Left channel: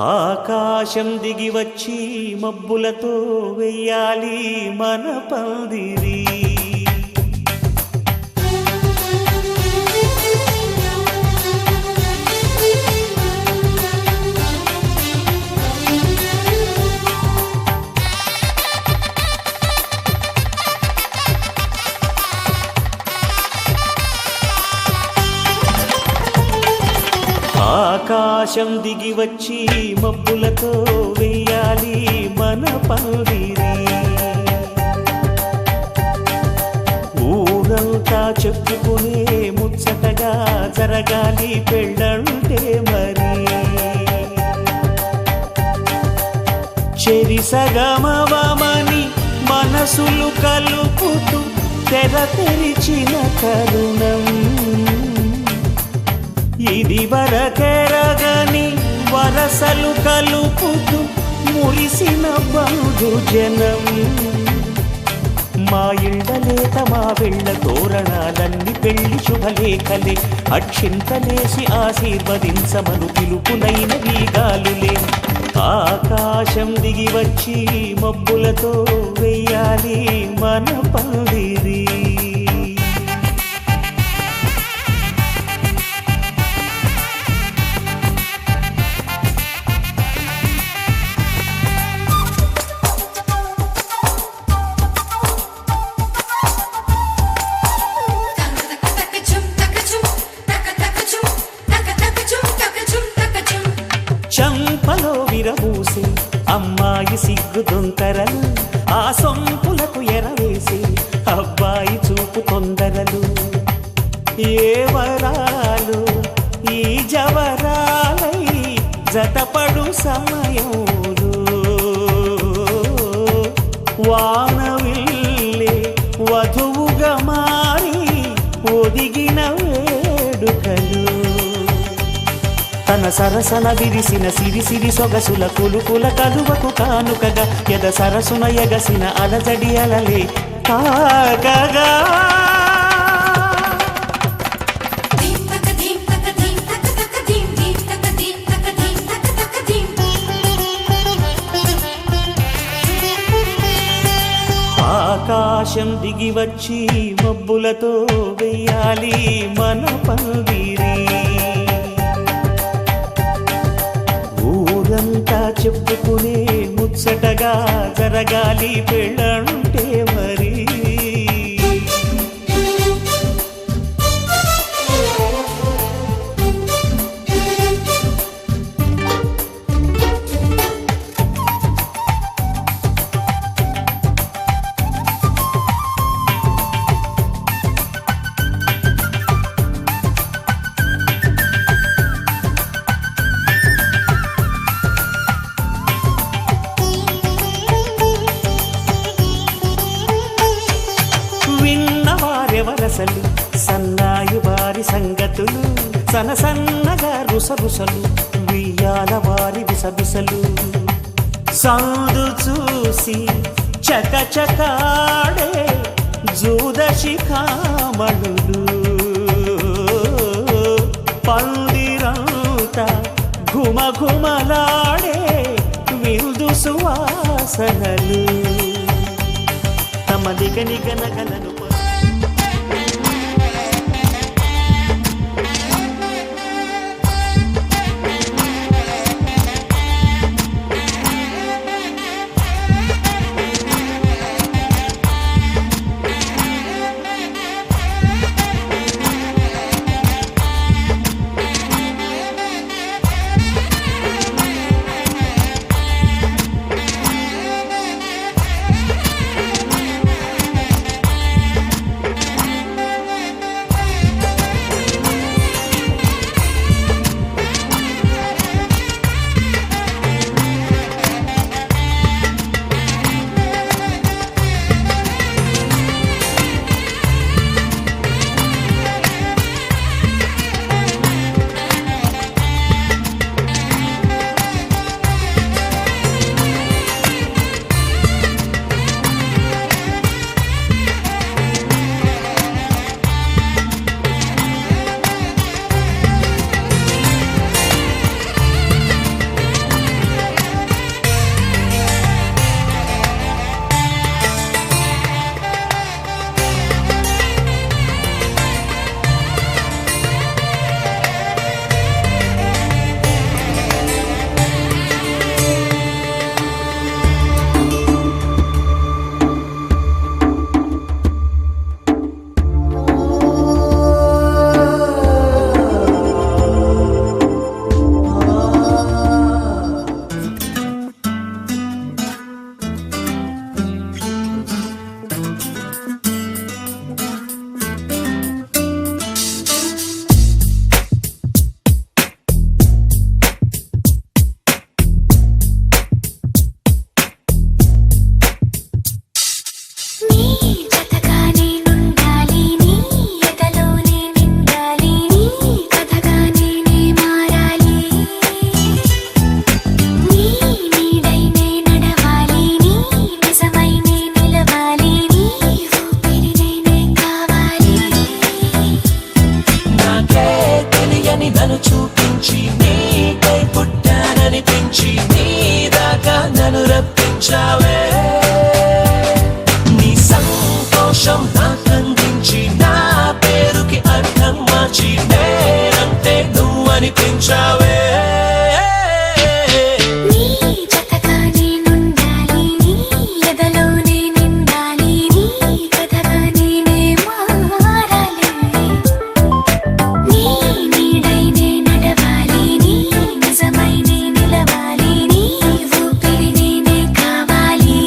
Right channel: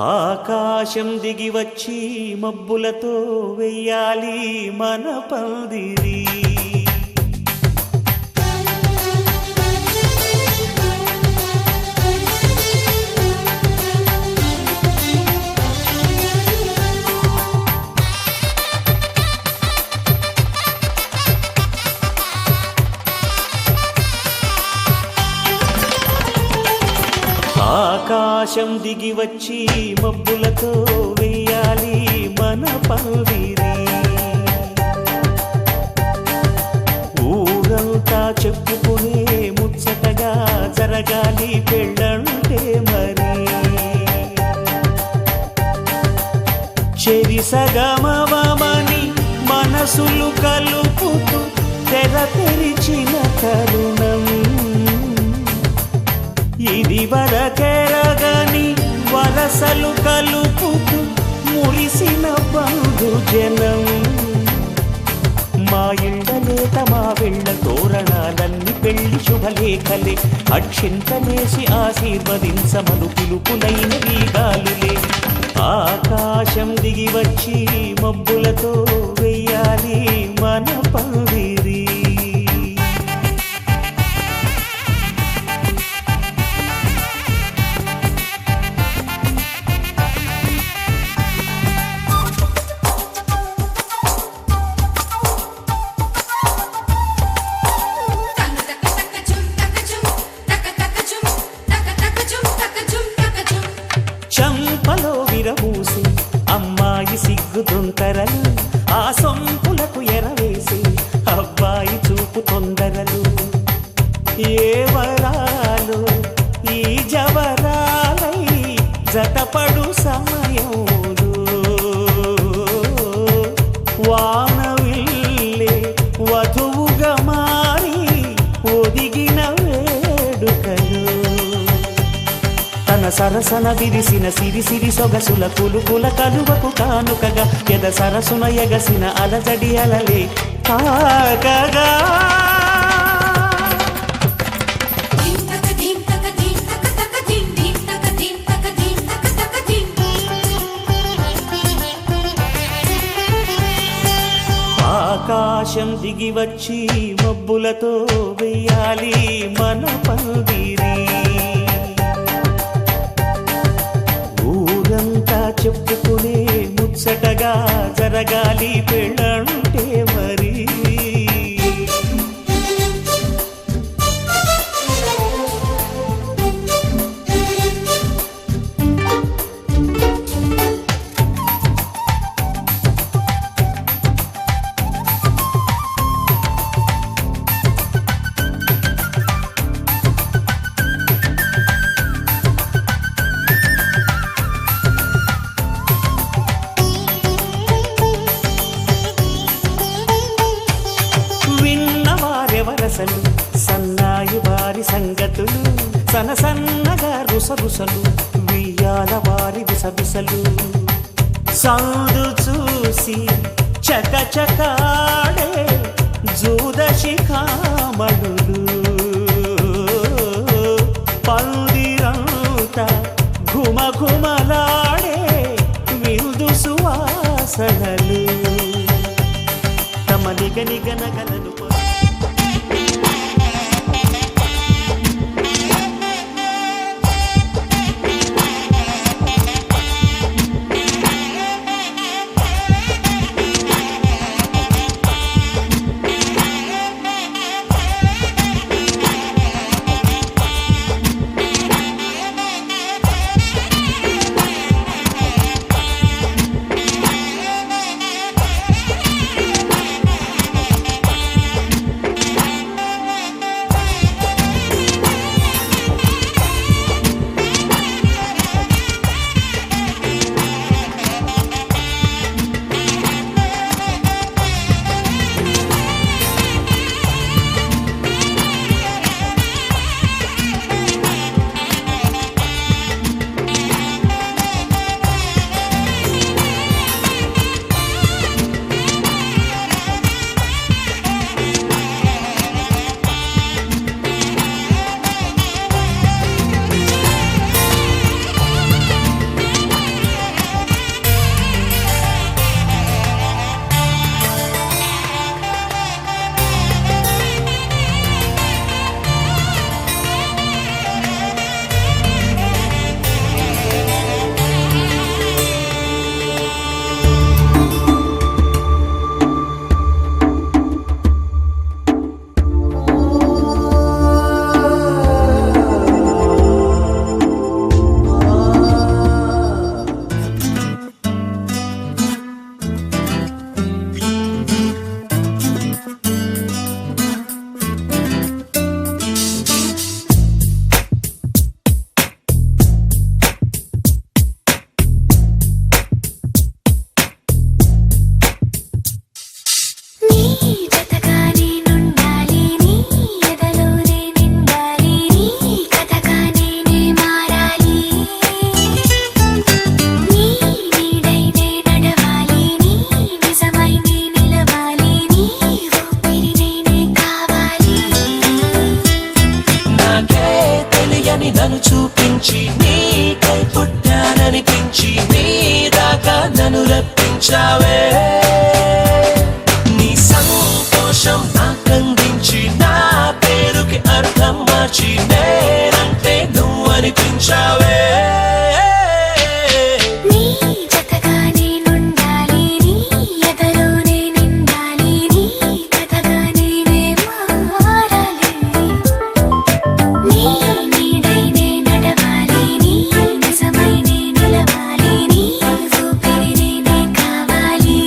ఆకాశం దిగి వచ్చి మబ్బులతో వెయ్యాలి మన పందిరి. ఆకాశం దిగి వచ్చి మబ్బులతో వెయ్యాలి మన పందిరి. ఊరంతా చెప్పుకునే ముచ్చటగా జరగాలి పెళ్ళంటే మరి. చెరిసగమవమని మనసులు కలుపుతూ తెర తెరిచిన తరుణం ఇది వరకెరగని వరసలు కలుపుతూ మురిసిన బంధుజనం. మా ఇళ్ళలేత మా వెళ్ళ తోరణాలన్నీ పెళ్లి శుభలేఖలే. అక్షింతలేసి ఆశీర్వదించమను పిలుపులైన వీగాలులే. ఆకాశం దిగి వచ్చి మబ్బులతో వెయ్యాలి మన పందిరి. చంపలో విరబూసి అమ్మాయి సిగ్గు దొంతరలు, ఆ సొంపులకు ఎరవేసి అబ్బాయి చూపు తొందరలు. ఏ వరాలు ఈ జవరాలై జతపడు సమయంలో వానవిల్లే వధువుగా మారి ఒదిగిన వేడుకలు. తన సరసన విరిసిన సిరిసిరి సొగసుల కులుకుల కలువకు కానుకగా ఎద సరసున ఎగసిన అలజడి అలలే కాకగా. ఆకాశం దిగి వచ్చి మబ్బులతో వెయ్యాలి మన పందిరి. ఊరంతా చెప్పుకునే ముచ్చటగా జరగాలి పెళ్ళంటే మరి. విన్నవారెవరసలు సన్నాయి వారి సంగతులు, సనసన్నగా రుసరుసలు వియ్యాల వారి విసబిసలు. సందు చూసి చకచకాడే జూదశిఖామణులు, పందిరంతా ఘుమఘుమలాడే విందు సువాసనలు. తమ నిగనిగనగలను కనిపించావే నీ జతగా నేనుండాలి నీ ఎదలోనే నిండాలి నీ కథగా నేనే మారాలి నీ నీడై నే నడవాలి నీ నిజమై నే నిలవాలి నీ ఊపిరి నేనే కావాలి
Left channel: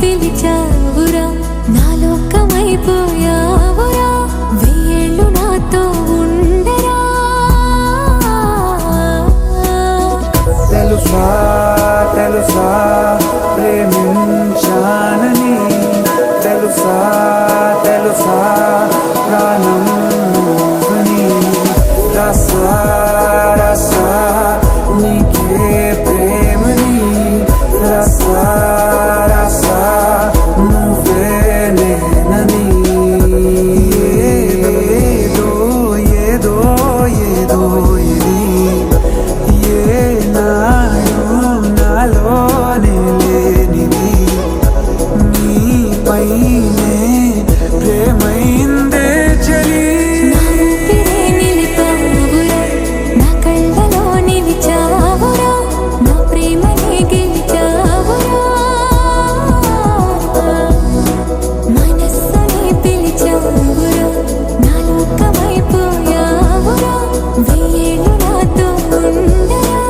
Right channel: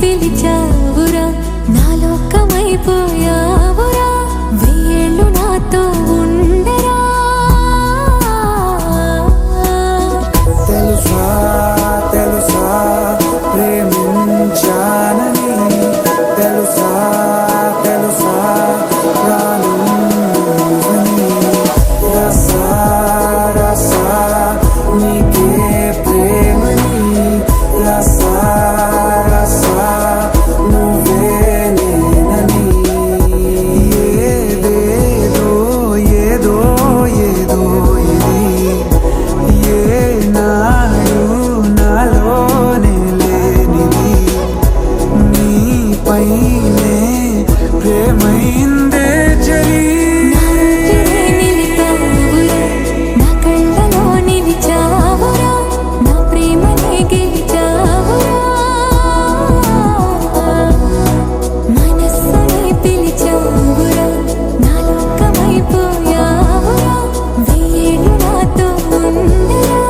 పిలిచావురా నా లోకమైపోయావురా వెయ్యేళ్ళు నాతో ఉండరా తెలుసా తెలుసా ప్రేమించాలని తెలుసా తెలుసా ప్రాణమని రసా రసా నీకే ప్రేమని రసా రసా నువ్వే నేనని ఏదేదో ఏదో ఏదో ఇది ఏనాడు నాలోనే లేనిది నీపైనే ప్రేమైందే చలి నా ఊపిరే నిలిపావురా నా కళ్ళలో నిలిచావురా నా ప్రేమనే గెలిచావురా మనస్సుని పిలిచావురా నా లోకమైపోయావురా వెయ్యేళ్ళు నాతో ఉండరా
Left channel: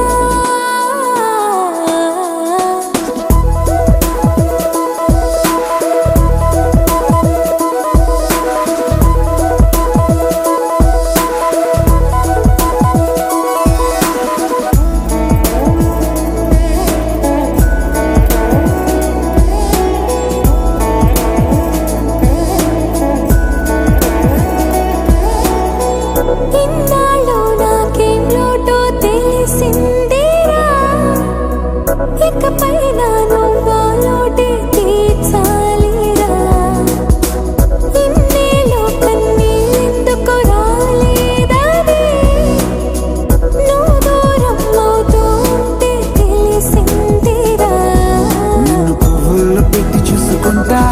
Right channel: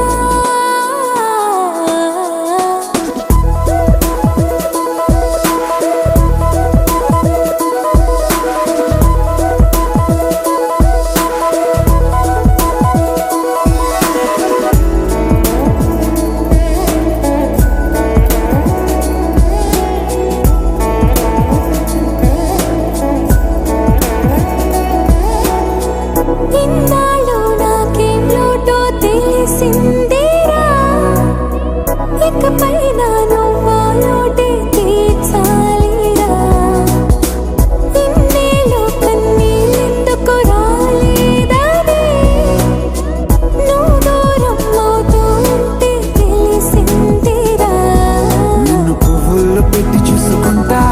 ఇన్నాళ్ళు నాకేం లోటో తెలిసిందిరా ఇకపై నా నువ్వా లోటే తీర్చాలిరా ఇన్నేళ్ళు కన్నీళ్ళెందుకు రాలేదని నువ్వు దూరం అవుతూ ఉంటే తెలిసిందిరా నిన్ను పువ్వుల్లో పెట్టి చూసుకుంటా